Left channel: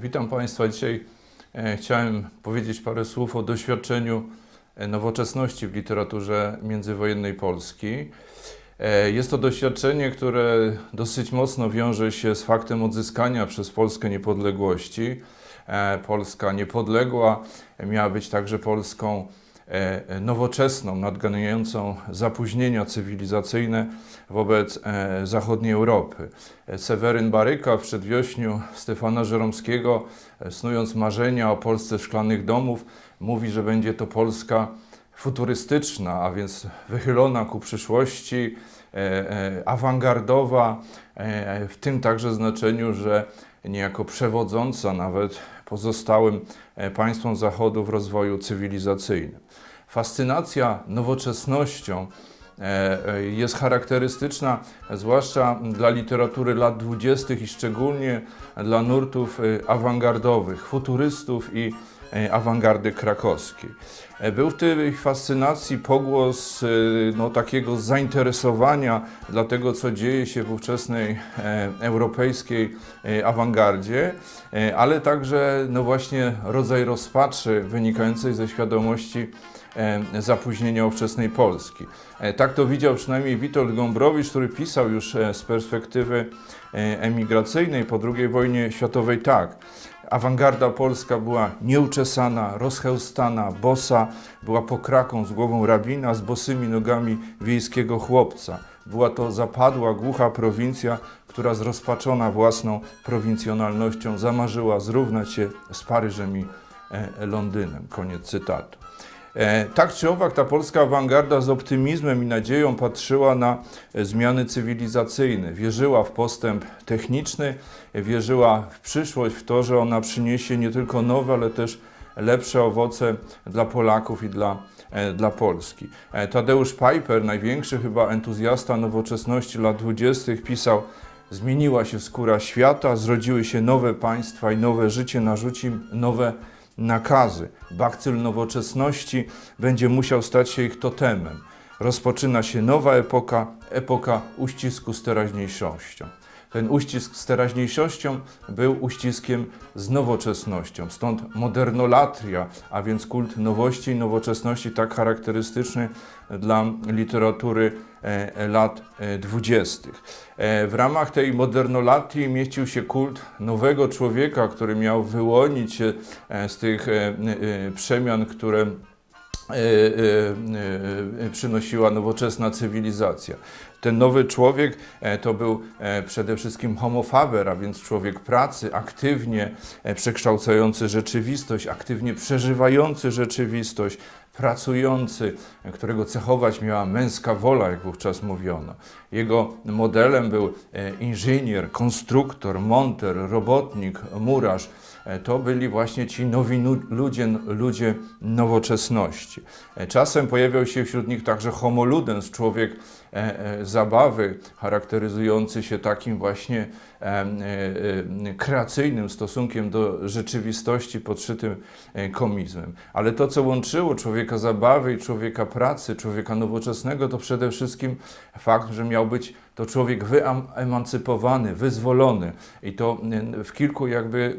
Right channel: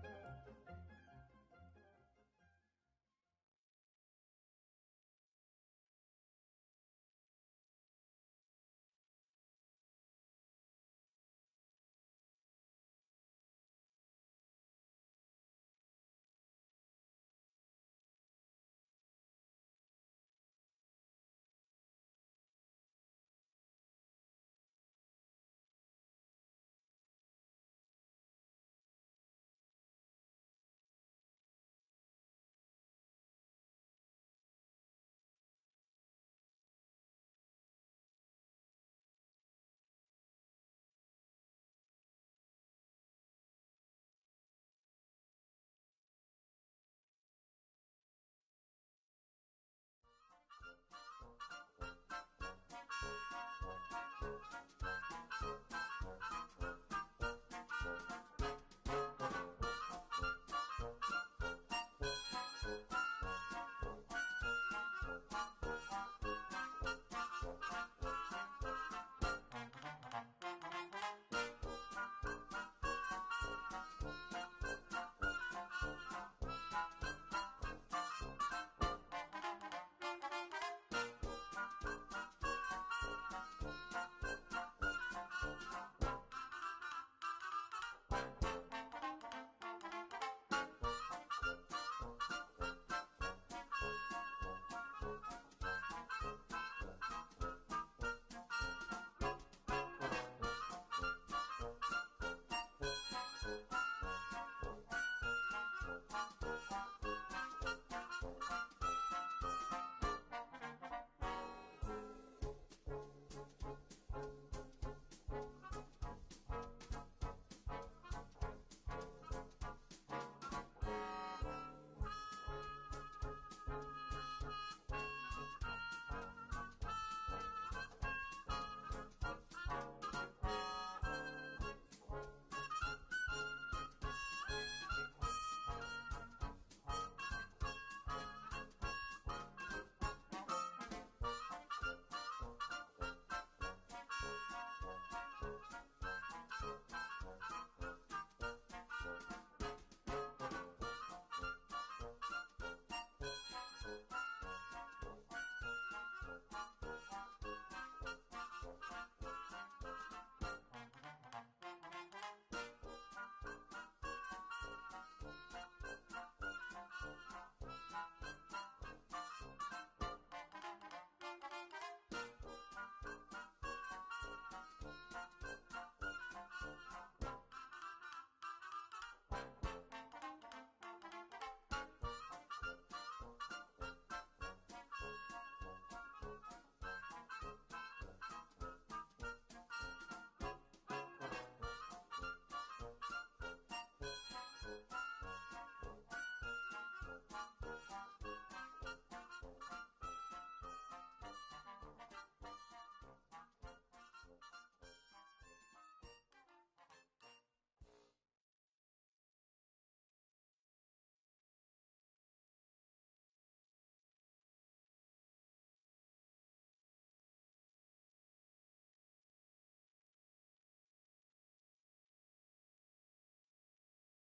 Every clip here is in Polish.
Witam Państwa. Dzisiaj chciałem powiedzieć parę słów o doświadczeniu e, nowoczesności w literaturze międzywojennej Polski. E, Jest to doświadczenie, które dosyć mocno wiąże się z faktem odzyskania przez Polskę niepodległości. E, Polska niepodległa miała być także Polską e, nowoczesną, nadganiającą zapóźnienia cywilizacyjne wobec e, zachodniej Europy. E, Seweryn Baryka w przedwiośniu Stefana Żeromskiego, e, snując marzenia o Polsce szklanych domów, mówi, że będzie to Polska futurystyczna, a więc wychylona ku przyszłości, e, e, awangardowa, e, w tym także znaczeniu, że niejako przewodząca nawet pozostałym państwom Zachodu w rozwoju cywilizacyjnym. Fascynacja nowoczesnością jest charakterystyczna e, zwłaszcza dla literatury lat dwudziestych i szczególnie dla nurtów e, awangardowych, futurystów i e, awangardy krakowskiej. E, Był w tej fascynacji pogłos e, no, takiego zainteresowania dla tego, co dzieje się w ówczesnej e, europejskiej e, awangardzie, e, ale także no właśnie rodzaj rozpaczy wynikającej ze świadomości e, zapóźnienia ówczesnej Polski. E, Tak to widział przynajmniej Witold Gombrowicz, który pisał już e, z perspektywy e, emigracyjnej po II wojnie światowej tak. Awangarda polska była nieuczesana, rozchełstana, bosa, była pokraką z głową rabina, z bosymi nogami wiejskiego chłopca. Była to zapadła, głucha prowincja, która zrozpaczona własną prowincjonalnością zamarzyła zrównać się z Paryżem i Londynem. Koniec cytatu. E, Tak czy owak, ta polska awangarda z optymizmem i nadzieją patrzyła na e, zmiany cywilizacyjne, wierzyła w postęp techniczny, wierzyła w przyszłość, w to, że ona przyniesie nie tylko nowe, ale też lepsze owoce dla Polaków i dla, e, dla Polski. Tadeusz Piper, największy chyba entuzjasta nowoczesności lat dwudziestych, pisał Zmieniła się skóra świata, zrodziły się nowe państwa i nowe życie narzuci nowe nakazy. Bakcyl nowoczesności będzie musiał stać się ich totemem. Rozpoczyna się nowa epoka, epoka uścisku z teraźniejszością. Ten uścisk z teraźniejszością był uściskiem z nowoczesnością. Stąd modernolatria, a więc kult nowości i nowoczesności, tak charakterystyczny dla literatury e, lat e, dwudziestych. E, W ramach tej modernolatii mieścił się kult nowego człowieka, który miał wyłonić się z tych przemian, które przynosiła nowoczesna cywilizacja. Ten nowy człowiek e, to był e, przede wszystkim homo faber, a więc człowiek pracy, aktywnie e, przekształcający rzeczywistość, aktywnie przeżywający rzeczywistość, pracujący, którego cechować miała męska wola, jak wówczas mówiono. Jego modelem był inżynier, konstruktor, monter, robotnik, murarz. E, To byli właśnie ci nowi ludzie, ludzie nowoczesności. E, Czasem pojawiał się wśród nich także homo ludens, człowiek e, zabawy, charakteryzujący się takim właśnie kreacyjnym stosunkiem do rzeczywistości podszytym komizmem. Ale to, co łączyło człowieka zabawy i człowieka pracy, człowieka nowoczesnego, to przede wszystkim fakt, że miał być to człowiek wyemancypowany, wyzwolony i to e, w kilku jakby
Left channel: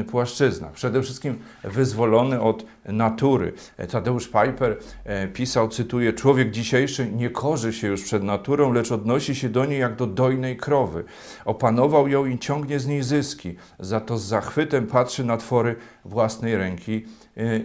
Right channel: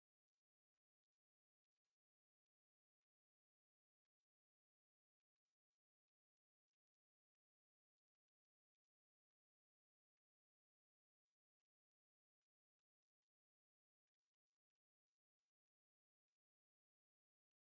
e, płaszczyznach. Przede wszystkim wyzwolony od natury. Tadeusz Piper e, pisał, cytuję, człowiek dzisiejszy nie korzy się już przed naturą, lecz odnosi się do niej jak do dojnej krowy. Opanował ją i ciągnie z niej zyski, za to z zachwytem patrzy na twory własnej ręki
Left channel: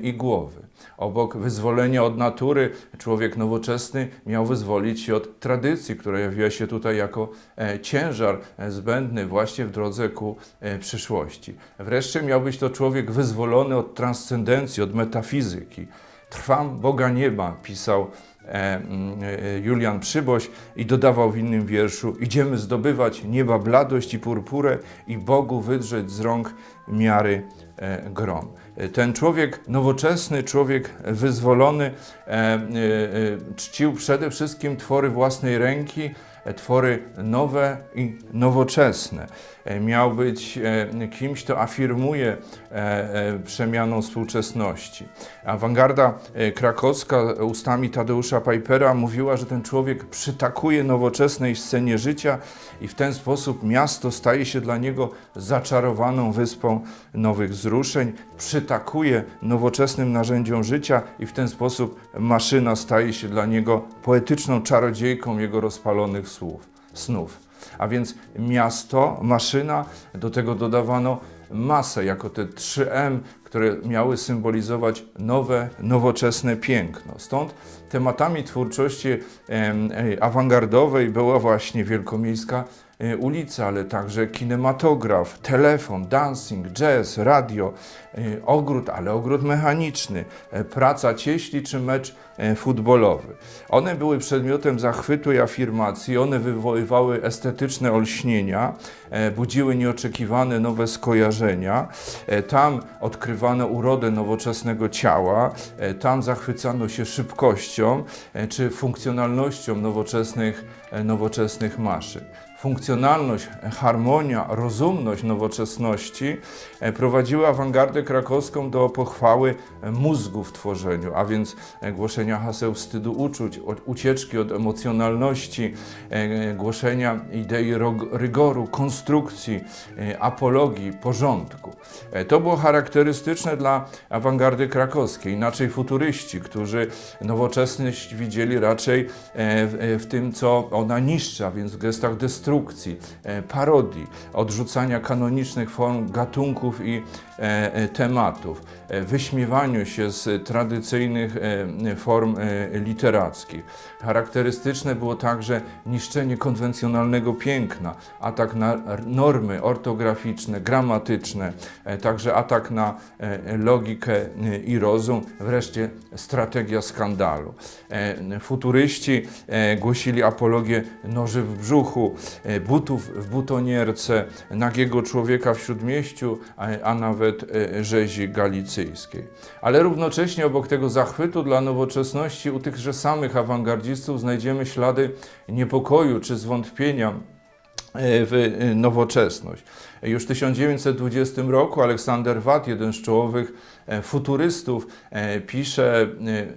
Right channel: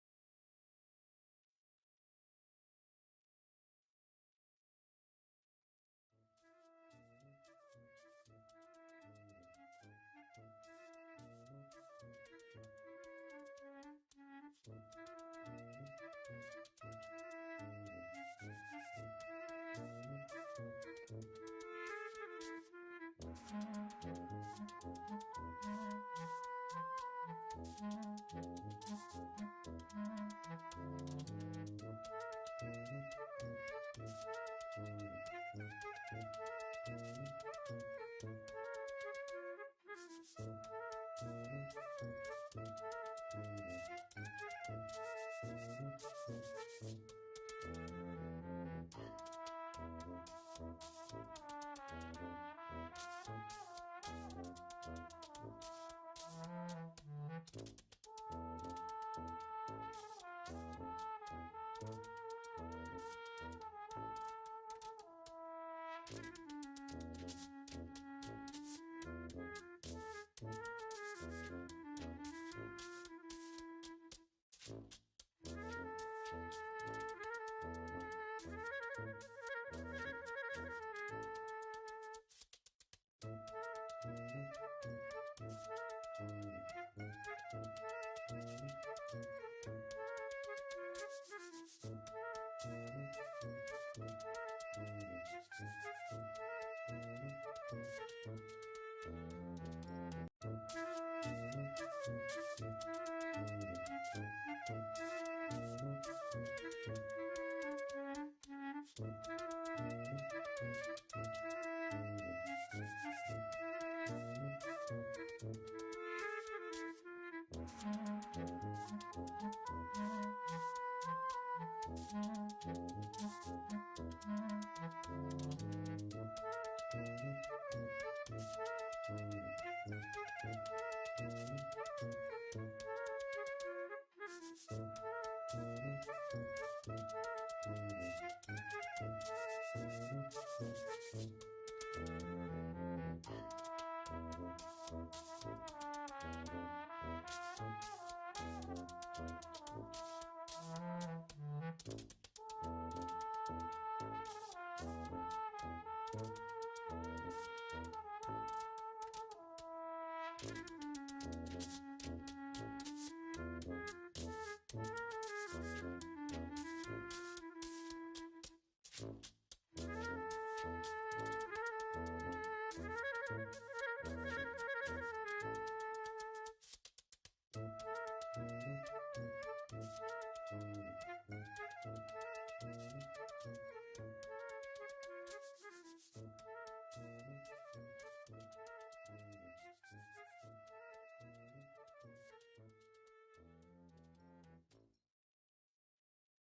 i głowy. Obok wyzwolenia od natury, człowiek nowoczesny miał wyzwolić się od tradycji, która jawiła się tutaj jako e, ciężar e, zbędny właśnie w drodze ku e, przyszłości. Wreszcie miał być to człowiek wyzwolony od transcendencji, od metafizyki. Trwam Boga nieba, pisał mm, Julian Przyboś i dodawał w innym wierszu Idziemy zdobywać nieba bladość i purpurę i Bogu wydrzeć z rąk miary grom. E, Ten człowiek nowoczesny, człowiek wyzwolony, e, e, e, czcił przede wszystkim twory własnej ręki, twory nowe i nowoczesne. E, Miał być e, kimś, kto afirmuje e, przemianą współczesności. Awangarda krakowska ustami Tadeusza Pipera mówiła, że ten człowiek przytakuje nowoczesnej scenie życia i w ten sposób miasto staje się dla niego zaczarowaną wyspą nowych wzruszeń, przytakuje nowoczesnym narzędziom życia i w ten sposób maszyna staje się dla niego poetyczną czarodziejką jego rozpalonych słów, snów. A więc miasto, maszyna, do tego dodawano masę, jako te 3M, które miały symbolizować nowe, nowoczesne piękno. Stąd tematami twórczości e, awangardowej była właśnie wielkomiejska e, ulica, ale także kinematograf, telefon, dancing, jazz, radio, e, ogród, ale ogród mechaniczny, praca cieśli czy mecz futbolowy. One były przedmiotem zachwytu i afirmacji, one wywoływały estetyczne olśnienia, e, budziły nieoczekiwane nowe skojarzenia. E, Tam odkrywano urodę nowoczesnego ciała, e, tam zachwycano się szybkością e, czy funkcjonalnością nowoczesnych, e, nowoczesnych maszyn. Funkcjonalność, harmonia, rozumność nowoczesności e, prowadziły awangardę krakowską do pochwały e, mózgu w tworzeniu, a więc e, głoszenia haseł wstydu uczuć, od ucieczki od emocjonalności, e, głoszenia idei rygoru, konstrukcji, e, apologii, porządku. E, To było charakterystyczne dla awangardy krakowskiej. Inaczej futuryści, którzy nowoczesność widzieli raczej w, tym, co ona niszczy, a więc w gestach destrukcji, parodii, odrzucania kanonicznych form gatunków i tematów, wyśmiewaniu się z tradycyjnych e, form e, literackich. Charakterystyczne było także niszczenie konwencjonalnego piękna, atak na normy ortograficzne, gramatyczne, e, także atak na e, logikę e, i rozum, wreszcie strategia skandalu. E, Futuryści e, głosili apologię noży w brzuchu, e, butów w butonierce, nagiego człowieka w śródmieściu, a, nawet e, rzezi galicyjskiej. Ale równocześnie obok tego zachwytu dla nowoczesności u tychże samych awangardzistów znajdziemy ślady niepokoju czy zwątpienia e, w e, nowoczesność. Już w 1920 roku Aleksander Watt, jeden z czołowych futurystów, e, pisze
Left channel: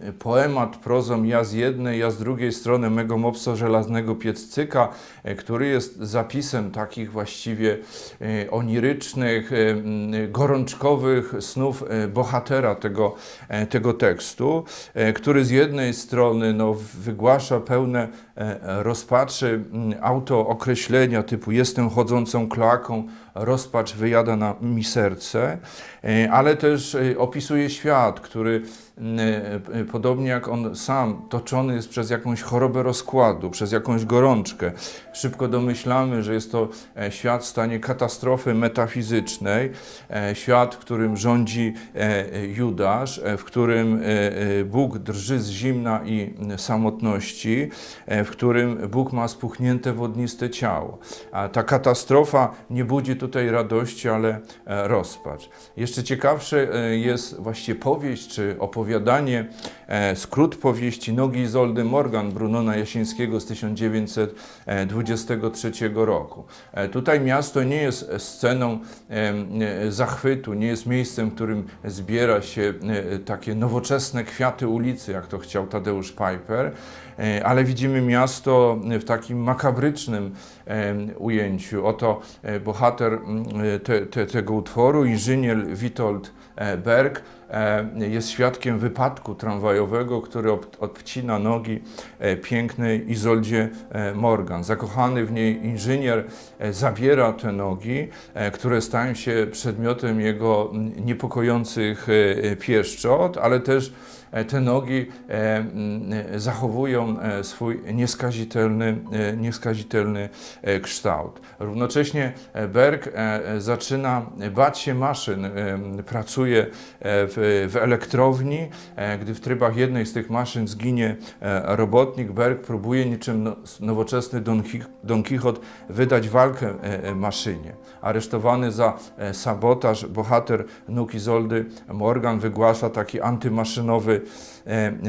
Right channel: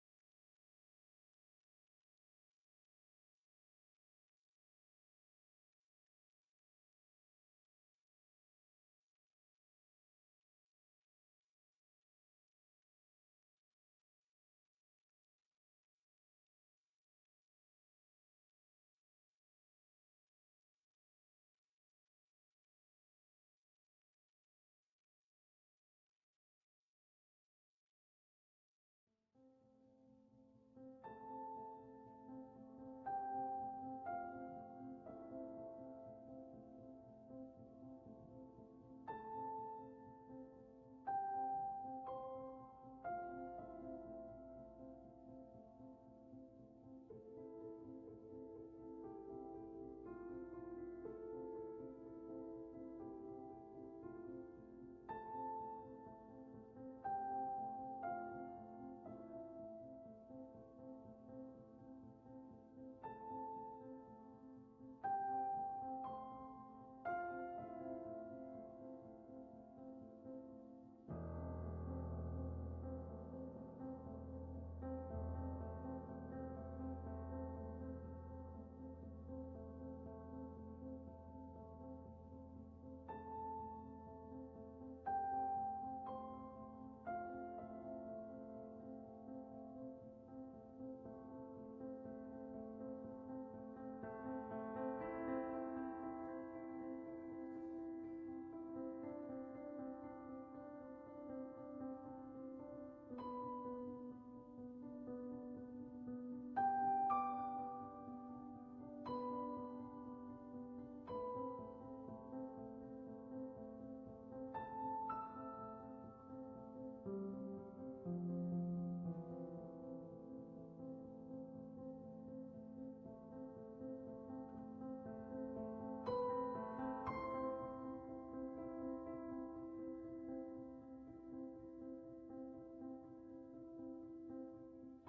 e, poemat prozą ja z jednej, ja z drugiej strony mego mopso żelaznego pieccyka, e, który jest zapisem takich właściwie e, onirycznych, e, gorączkowych snów e, bohatera tego, e, tego tekstu, e, który z jednej strony no, wygłasza pełne e, rozpaczy m, autookreślenia typu jestem chodzącą kloaką, rozpacz wyjada na mi serce, e, ale też e, opisuje świat, który m, e, podobnie jak on sam, toczony jest przez jakąś chorobę rozkładu, przez jakąś gorączkę. Szybko domyślamy, że jest to e, świat w stanie katastrofy metafizycznej, e, świat, w którym rządzi e, Judasz, e, w którym e, e, Bóg drży z zimna i samotności, e, w którym Bóg ma spuchnięte wodniste ciało. A ta katastrofa nie budzi tutaj radości, ale e, rozpacz. Jeszcze ciekawsze e, jest właściwie powieść czy opowiadanie, e, skrót powieści Nogi Izoldy Morgan Brunona Jasińskiego z 1923 roku. Tutaj miasto nie jest sceną zachwytu, nie jest miejscem, w którym zbiera się takie nowoczesne kwiaty ulicy, jak to chciał Tadeusz Piper, ale widzimy miasto w takim makabrycznym em, ujęciu. Oto e, bohater mm, te, te, tego utworu, inżynier Witold e, Berg, e, jest świadkiem wypadku tramwajowego, który odcina nogi e, pięknej Izoldzie e, Morgan. Zakochany w niej inżynier e, zabiera te nogi, e, które stają się przedmiotem jego niepokojących e, pieszczot, ale też e, te nogi e, e, zachowują e, swój nieskazitelny, e, nieskazitelny e, kształt. Równocześnie e, Berg e, e, zaczyna bać się maszyn, e, pracuje e, w, elektrowni, e, gdy w trybach jednej z tych maszyn zginie e, robotnik, Berg próbuje niczym no, nowoczesny Don, Qui- Don Quixote wydać walkę e, maszynie. Aresztowany za sabotaż, bohater Nuk Izoldy Morgan wygłasza taki antymaszynowy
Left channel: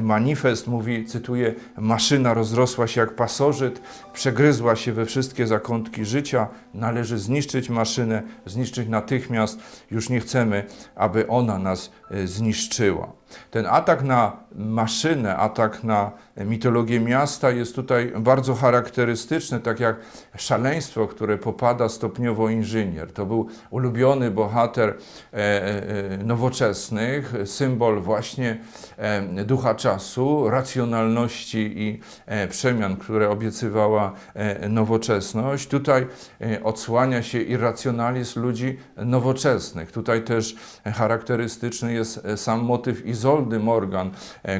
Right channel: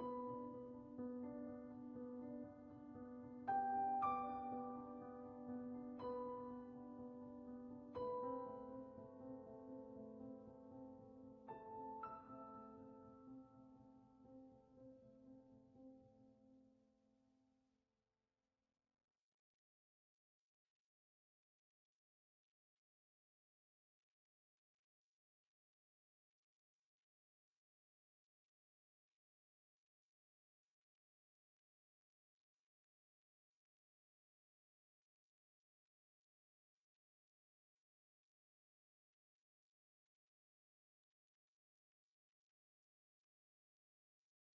manifest. Mówi, cytuję, maszyna rozrosła się jak pasożyt, przegryzła się we wszystkie zakątki życia, należy zniszczyć maszynę, zniszczyć natychmiast, już nie chcemy, aby ona nas e, zniszczyła. Ten atak na maszynę, atak na mitologię miasta jest tutaj bardzo charakterystyczny, tak jak szaleństwo, które popada stopniowo inżynier. To był ulubiony bohater e, e, nowoczesnych, symbol właśnie e, ducha czasu, racjonalności i e, przemian, które obiecywała e, nowoczesność. Tutaj e, odsłania się irracjonalizm ludzi nowoczesnych. Tutaj też charakterystyczny jest sam motyw Izoldy Morgan,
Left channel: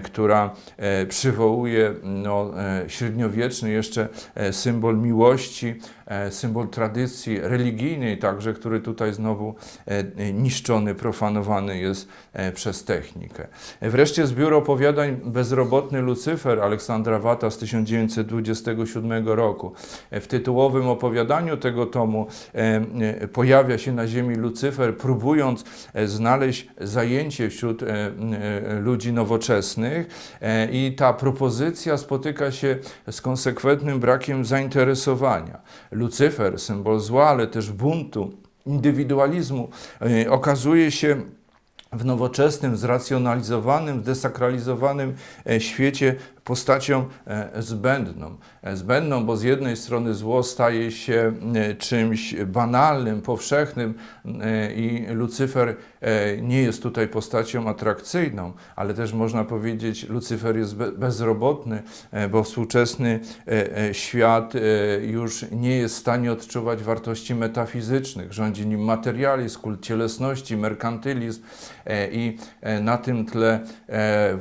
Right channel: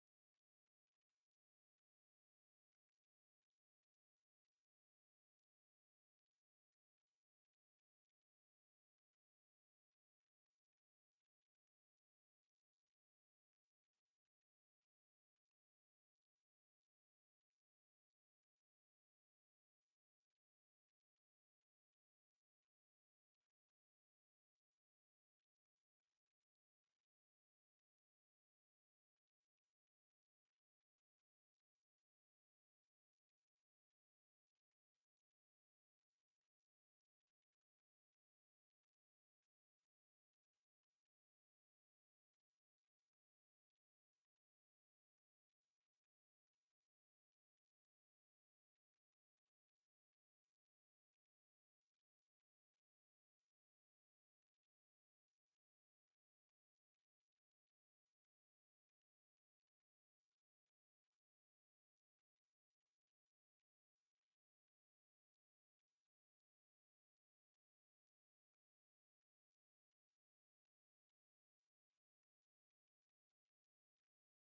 która przywołuje no, średniowieczny jeszcze symbol miłości, symbol tradycji religijnej także, który tutaj znowu e, niszczony, profanowany jest e, przez technikę. E, Wreszcie zbiór opowiadań Bezrobotny Lucyfer Aleksandra Wata z 1927 roku. E, W tytułowym opowiadaniu tego tomu e, e, pojawia się na ziemi Lucyfer, próbując e, znaleźć zajęcie wśród e, e, ludzi nowoczesnych e, i ta propozycja spotyka się z konsekwentnym brakiem zainteresowania. Lucyfer, symbol zła, ale też buntu, indywidualizmu, e, okazuje się w nowoczesnym, zracjonalizowanym, desakralizowanym e, świecie postacią e, zbędną. E, Zbędną, bo z jednej strony zło staje się e, czymś banalnym, powszechnym i Lucyfer nie jest tutaj postacią atrakcyjną, ale też można powiedzieć, Lucyfer jest be- bezrobotny, bo współczesny świat już nie jest w stanie odczuwać wartości metafizycznych. Rządzi nim materializm, kult cielesności, merkantylizm i na tym tle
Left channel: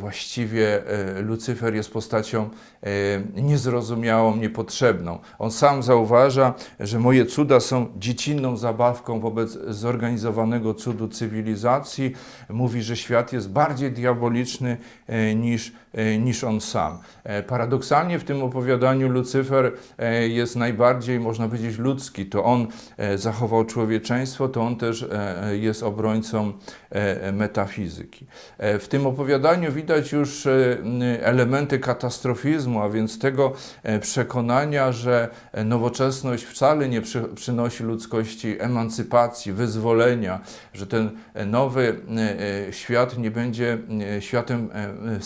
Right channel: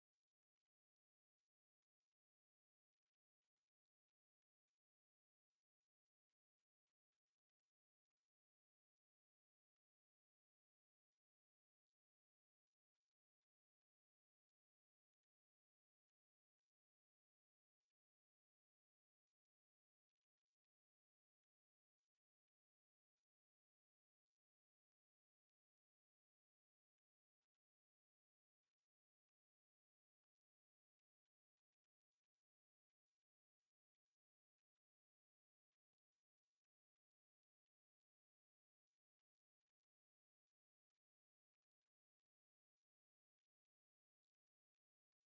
właściwie Lucyfer jest postacią e, niezrozumiałą, niepotrzebną. On sam zauważa, że moje cuda są dziecinną zabawką wobec zorganizowanego cudu cywilizacji. Mówi, że świat jest bardziej diaboliczny e, niż, niż on sam. E, Paradoksalnie w tym opowiadaniu Lucyfer e, jest najbardziej, można powiedzieć, ludzki. To on e, zachował człowieczeństwo, to on też e, jest obrońcą e, metafizyki. E, W tym opowiadaniu widać już e, elementy katastrofizmu, a więc tego e, przekonania, że e, nowoczesność wcale nie przy, przynosi ludzkości emancypacji, wyzwolenia, że ten e, nowy e, e, świat nie będzie e, światem e,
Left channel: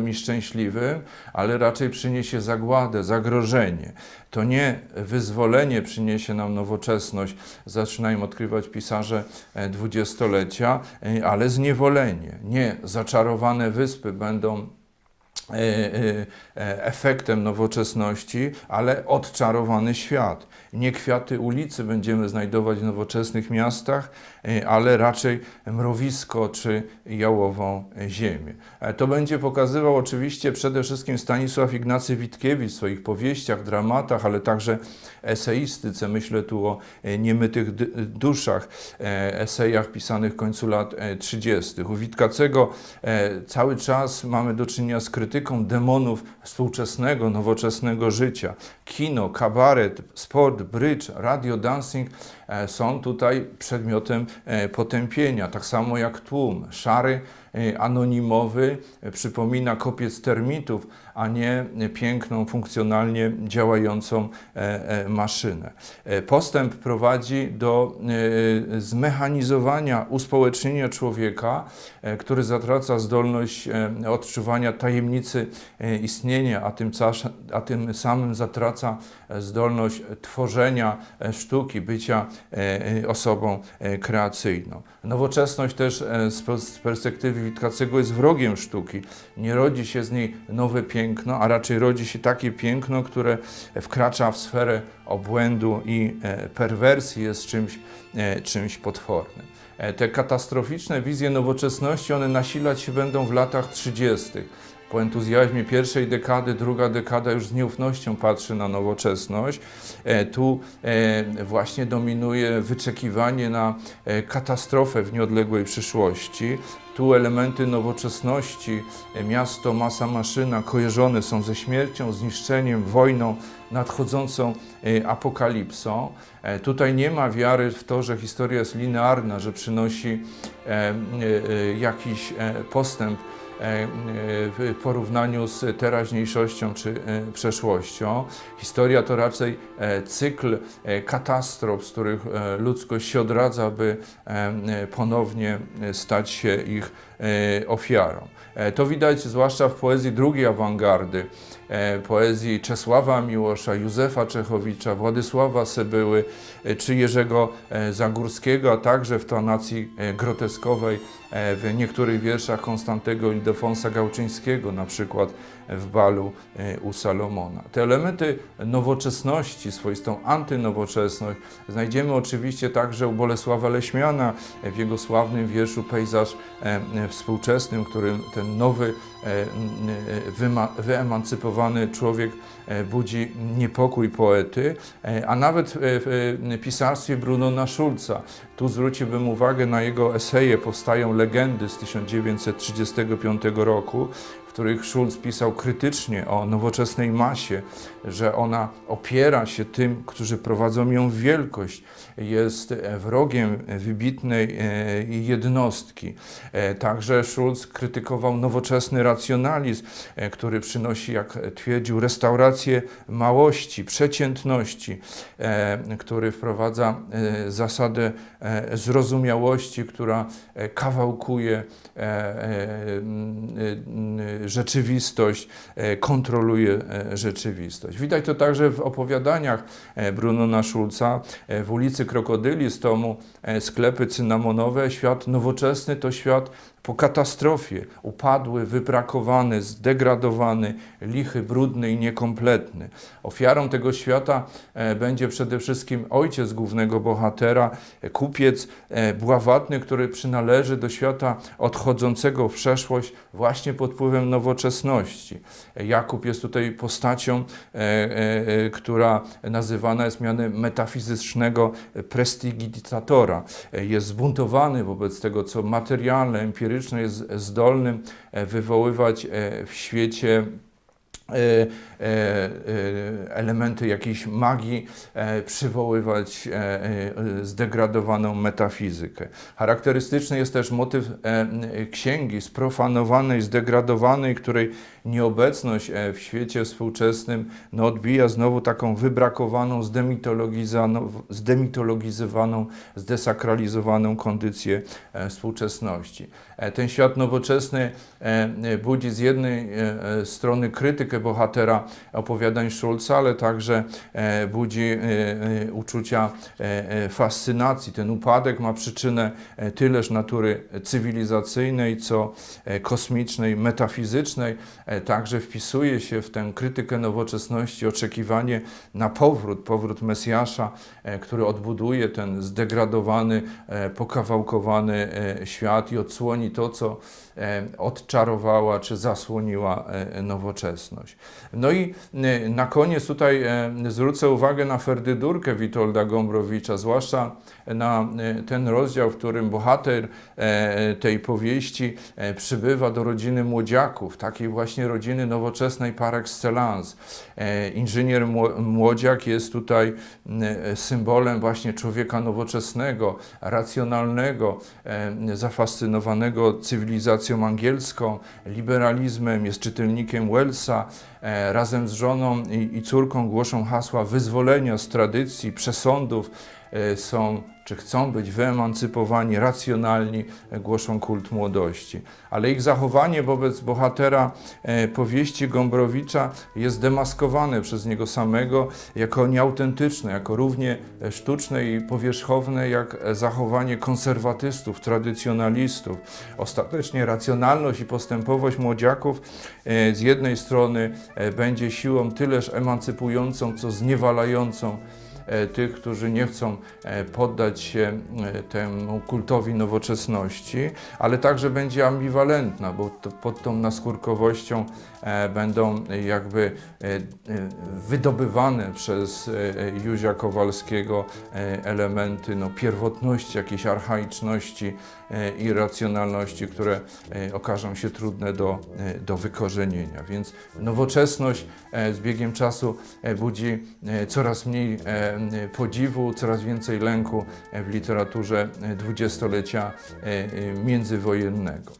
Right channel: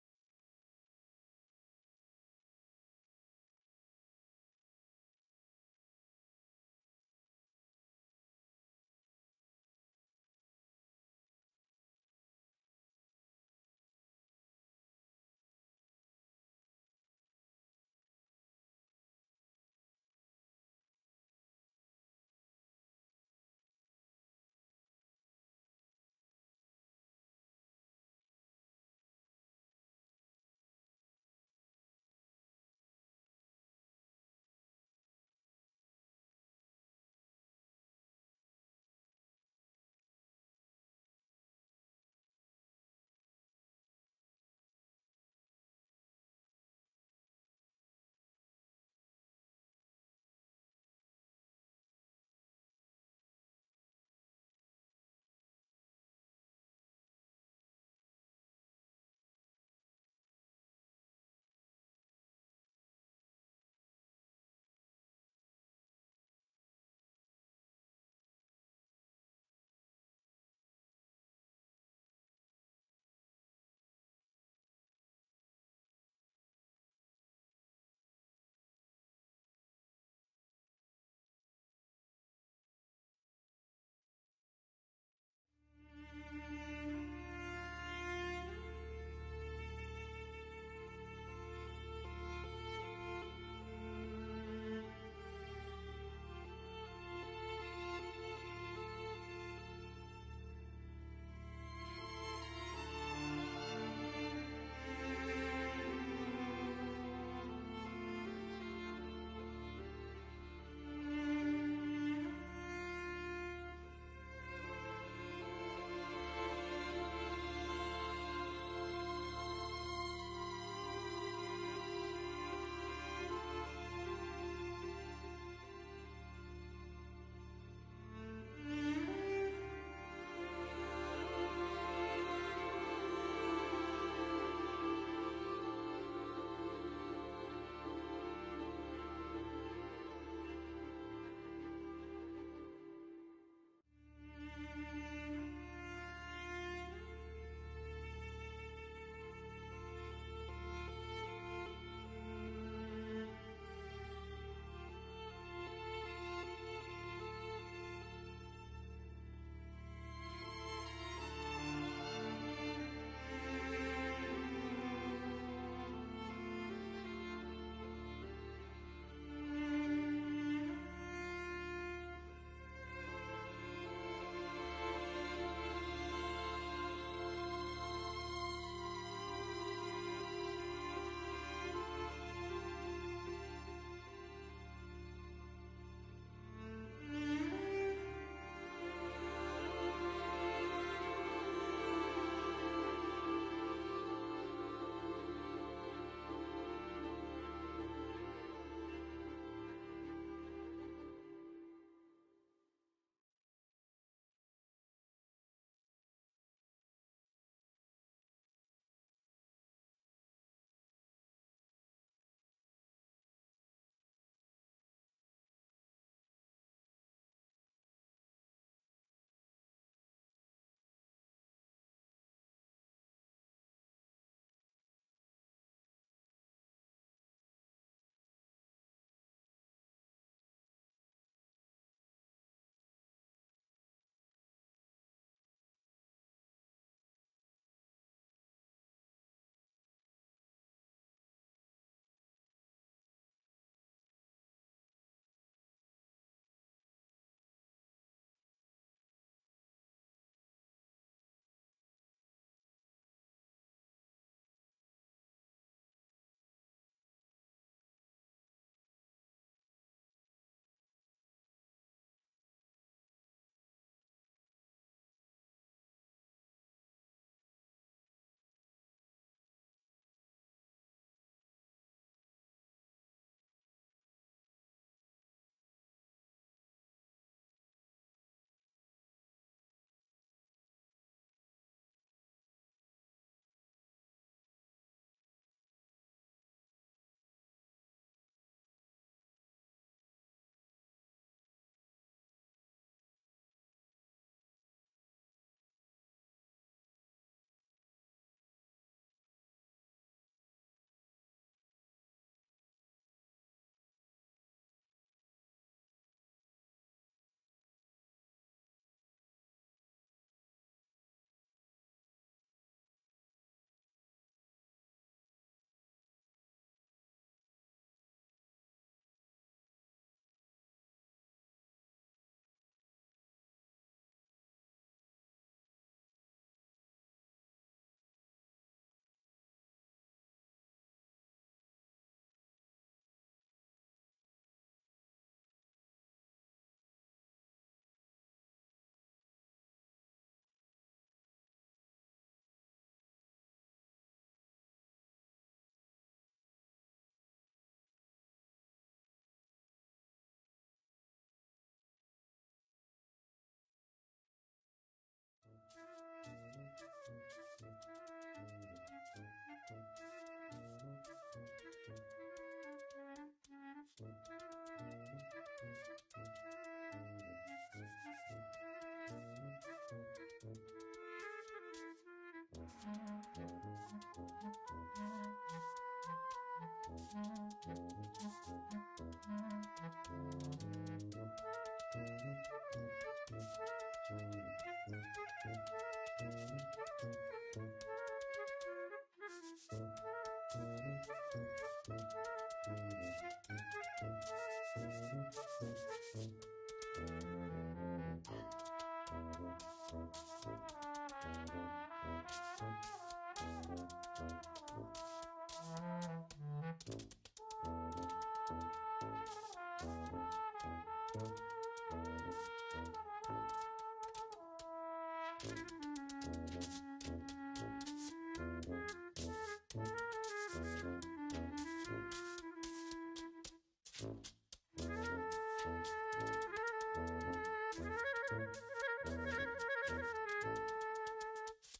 wspaniałym i szczęśliwym, ale raczej przyniesie zagładę, zagrożenie. To nie wyzwolenie przyniesie nam nowoczesność, zaczynają odkrywać pisarze e, dwudziestolecia, e, ale zniewolenie. Nie zaczarowane wyspy będą e, efektem nowoczesności, ale odczarowany świat. Nie kwiaty ulicy będziemy znajdować w nowoczesnych miastach, ale raczej mrowisko czy jałową ziemię. E, To będzie pokazywał oczywiście przede wszystkim Stanisław Ignacy Witkiewicz w swoich powieściach, dramatach, ale także eseistyce. Myślę tu o e, niemytych duszach, e, esejach pisanych w końcu lat e, 30. U Witkacego cały czas mamy do czynienia z krytyką demonów współczesnego, nowoczesnego życia. Kino, kabaret, sport, brydż, radio, dancing są tutaj przedmiotem e, potępienia, tak samo jak tłum. Szary, e, anonimowy e, przypomina kopiec termitów, a nie piękną, funkcjonalnie działającą e, e, maszynę. E, Postęp prowadzi do zmechanizowania, uspołecznienia człowieka, który zatraca zdolność odczuwania tajemnicy istnienia, a tym, a tym samym zatraca zdolność tworzenia sztuki, bycia osobą kreacyjną. Nowoczesność też z perspektywy Witkacego jest wrogiem sztuki. Nie rodzi się z niej nowe piękno, a raczej rodzi się takie piękno, które wkracza w sferę obłędu i e, perwersji, jest czymś, e, czymś potwornym. E, Te katastroficzne wizje nowoczesności, one nasilać się będą w latach 30. po entuzjazmie pierwszej dekady, druga dekada już z nieufnością patrzy na nowoczesność. E, Tu e, właśnie dominuje wyczekiwanie na e, katastrofę w nieodległej przyszłości. Tu elementy nowoczesności, miasto, masa, maszyna kojarzone są ze śmiercią, zniszczeniem, wojną, nadchodzącą apokalipsą. Tutaj nie ma wiary w to, że historia jest linearna, że przynosi jakiś postęp w porównaniu z teraźniejszością czy e, przeszłością. Historia to raczej e, cykl e, katastrof, z których e, ludzkość się odradza, by e, e, ponownie e, stać się ich e, ofiarą. E, To widać zwłaszcza w poezji drugiej awangardy, e, poezji Czesława Miłosza, Józefa Czechowicza, Władysława Sebyły czy Jerzego Zagórskiego, a także w tonacji groteskowej w niektórych wierszach Konstantego Ildefonsa Gałczyńskiego, na przykład w balu e, u Salomona. Te elementy nowoczesności, swoistą antynowoczesność znajdziemy oczywiście także u Bolesława Leśmiana w jego sławnym wierszu Pejzaż e, e, współczesnym, w którym ten nowy, e, e, wyemancypowany człowiek budzi niepokój poety, a nawet w pisarstwie Brunona Schulza. Tu zwróciłbym uwagę na jego eseje Powstają legendy z 1935 roku, których Schulz pisał krytycznie o nowoczesnej masie, że ona opiera się tym, którzy prowadzą ją w wielkość, jest wrogiem wybitnej e, jednostki. E, Także Schulz krytykował nowoczesny racjonalizm, e, który przynosi, jak twierdził, restaurację małości, przeciętności, który wprowadza zasadę zrozumiałości, która kawałkuje rzeczywistość, e, kontroluje e, rzeczywistość. Widać to także w opowiadaniach e, Brunona Schulza w ulicy Krokodyli z tomu Sklepy cynamonowe. Świat nowoczesny to świat po katastrofie, upadły, wybrakowany, zdegradowany, lichy, brudny i niekompletny. Ofiarą tego świata e, będzie przede wszystkim ojciec głównego bohatera, e, kupiec e, bławatny, który przynależy do świata odchodzącego w przeszłość właśnie pod wpływem nowoczesności. Jakub jest tutaj postacią, która nazywana jest mianem metafizycznego prestidigitatora. E, Jest zbuntowany wobec tego, co materialne, empiryczne, jest zdolnym e, wywoływać e, w świecie e, elementy jakiejś magii, e, przywoływać e, e, zdegradowaną metafizykę. Charakterystyczny jest też motyw e, księgi sprofanowanej, zdegradowanej, której nieobecność e, w świecie współczesnym no, odbija znowu taką wybrakowaną, zdemitologizowaną, zdesakralizowaną kondycję e, współczesności. E, Ten świat nowoczesny e, e, budzi z jednej e, e, strony krytykę bohatera opowiadań Schulza, ale także e, budzi e, e, uczucia fascynacji. Ten upadek ma przyczynę tyleż natury cywilizacyjnej, co kosmicznej, metafizycznej. Także wpisuje się w tę krytykę nowoczesności oczekiwanie na powrót, powrót Mesjasza, który odbuduje ten zdegradowany, pokawałkowany świat i odsłoni to, co odczarowała czy zasłoniła e, nowoczesność. No i e, na koniec tutaj e, zwrócę uwagę na Ferdydurkę Witolda Gombrowicza, zwłaszcza na e, ten rozdział, w którym bohater e, tej powieści e, przybywa do rodziny młodziaków, takiej właśnie rodziny nowoczesnej par excellence. E, Inżynier mło- młodziak jest tutaj e, symbolem właśnie człowieka nowoczesnego, racjonalnego, e, zafascynowanego cywilizacją angielską, liberalizmem, jest czytelnikiem Wellsa. E, Razem z żoną i, córką głoszą hasła wyzwolenia z tradycji, przesądów, są czy chcą być wyemancypowani, racjonalni, e, głoszą kult młodości. Ale ich zachowanie wobec bohatera e, powieści Gombrowicza jest demaskowane przez niego samego jako nieautentyczne, jako równie e, sztuczne i powierzchowne jak e, zachowanie konserwatystów, tradycjonalistów. Ostatecznie racjonalność i postępowość młodziaków e, z jednej strony e, będzie siłą tyleż emancypującą, co zniewalającą e, tych, którzy nie chcą e, poddać się e, temu kultowi nowoczesności, ale także będzie ambiwalentna, bo pod tą naskórkowością e, będą e, jakby e, e, wydobywane przez e, e, Józia Kowalskiego e, elementy no, pierwotności, jakiejś archaiczności e, i racjonalności, które e, okażą się trudne do, e, do wykorzenienia. Więc nowoczesność e, z biegiem czasu e, budzi e, coraz mniej e, podziwu, coraz więcej lęku e, w literaturze e, dwudziestolecia e, e, międzywojennego.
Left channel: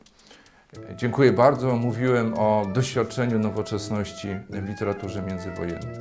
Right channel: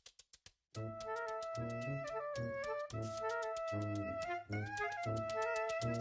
E, Dziękuję bardzo. Mówiłem o doświadczeniu nowoczesności w literaturze międzywojennej.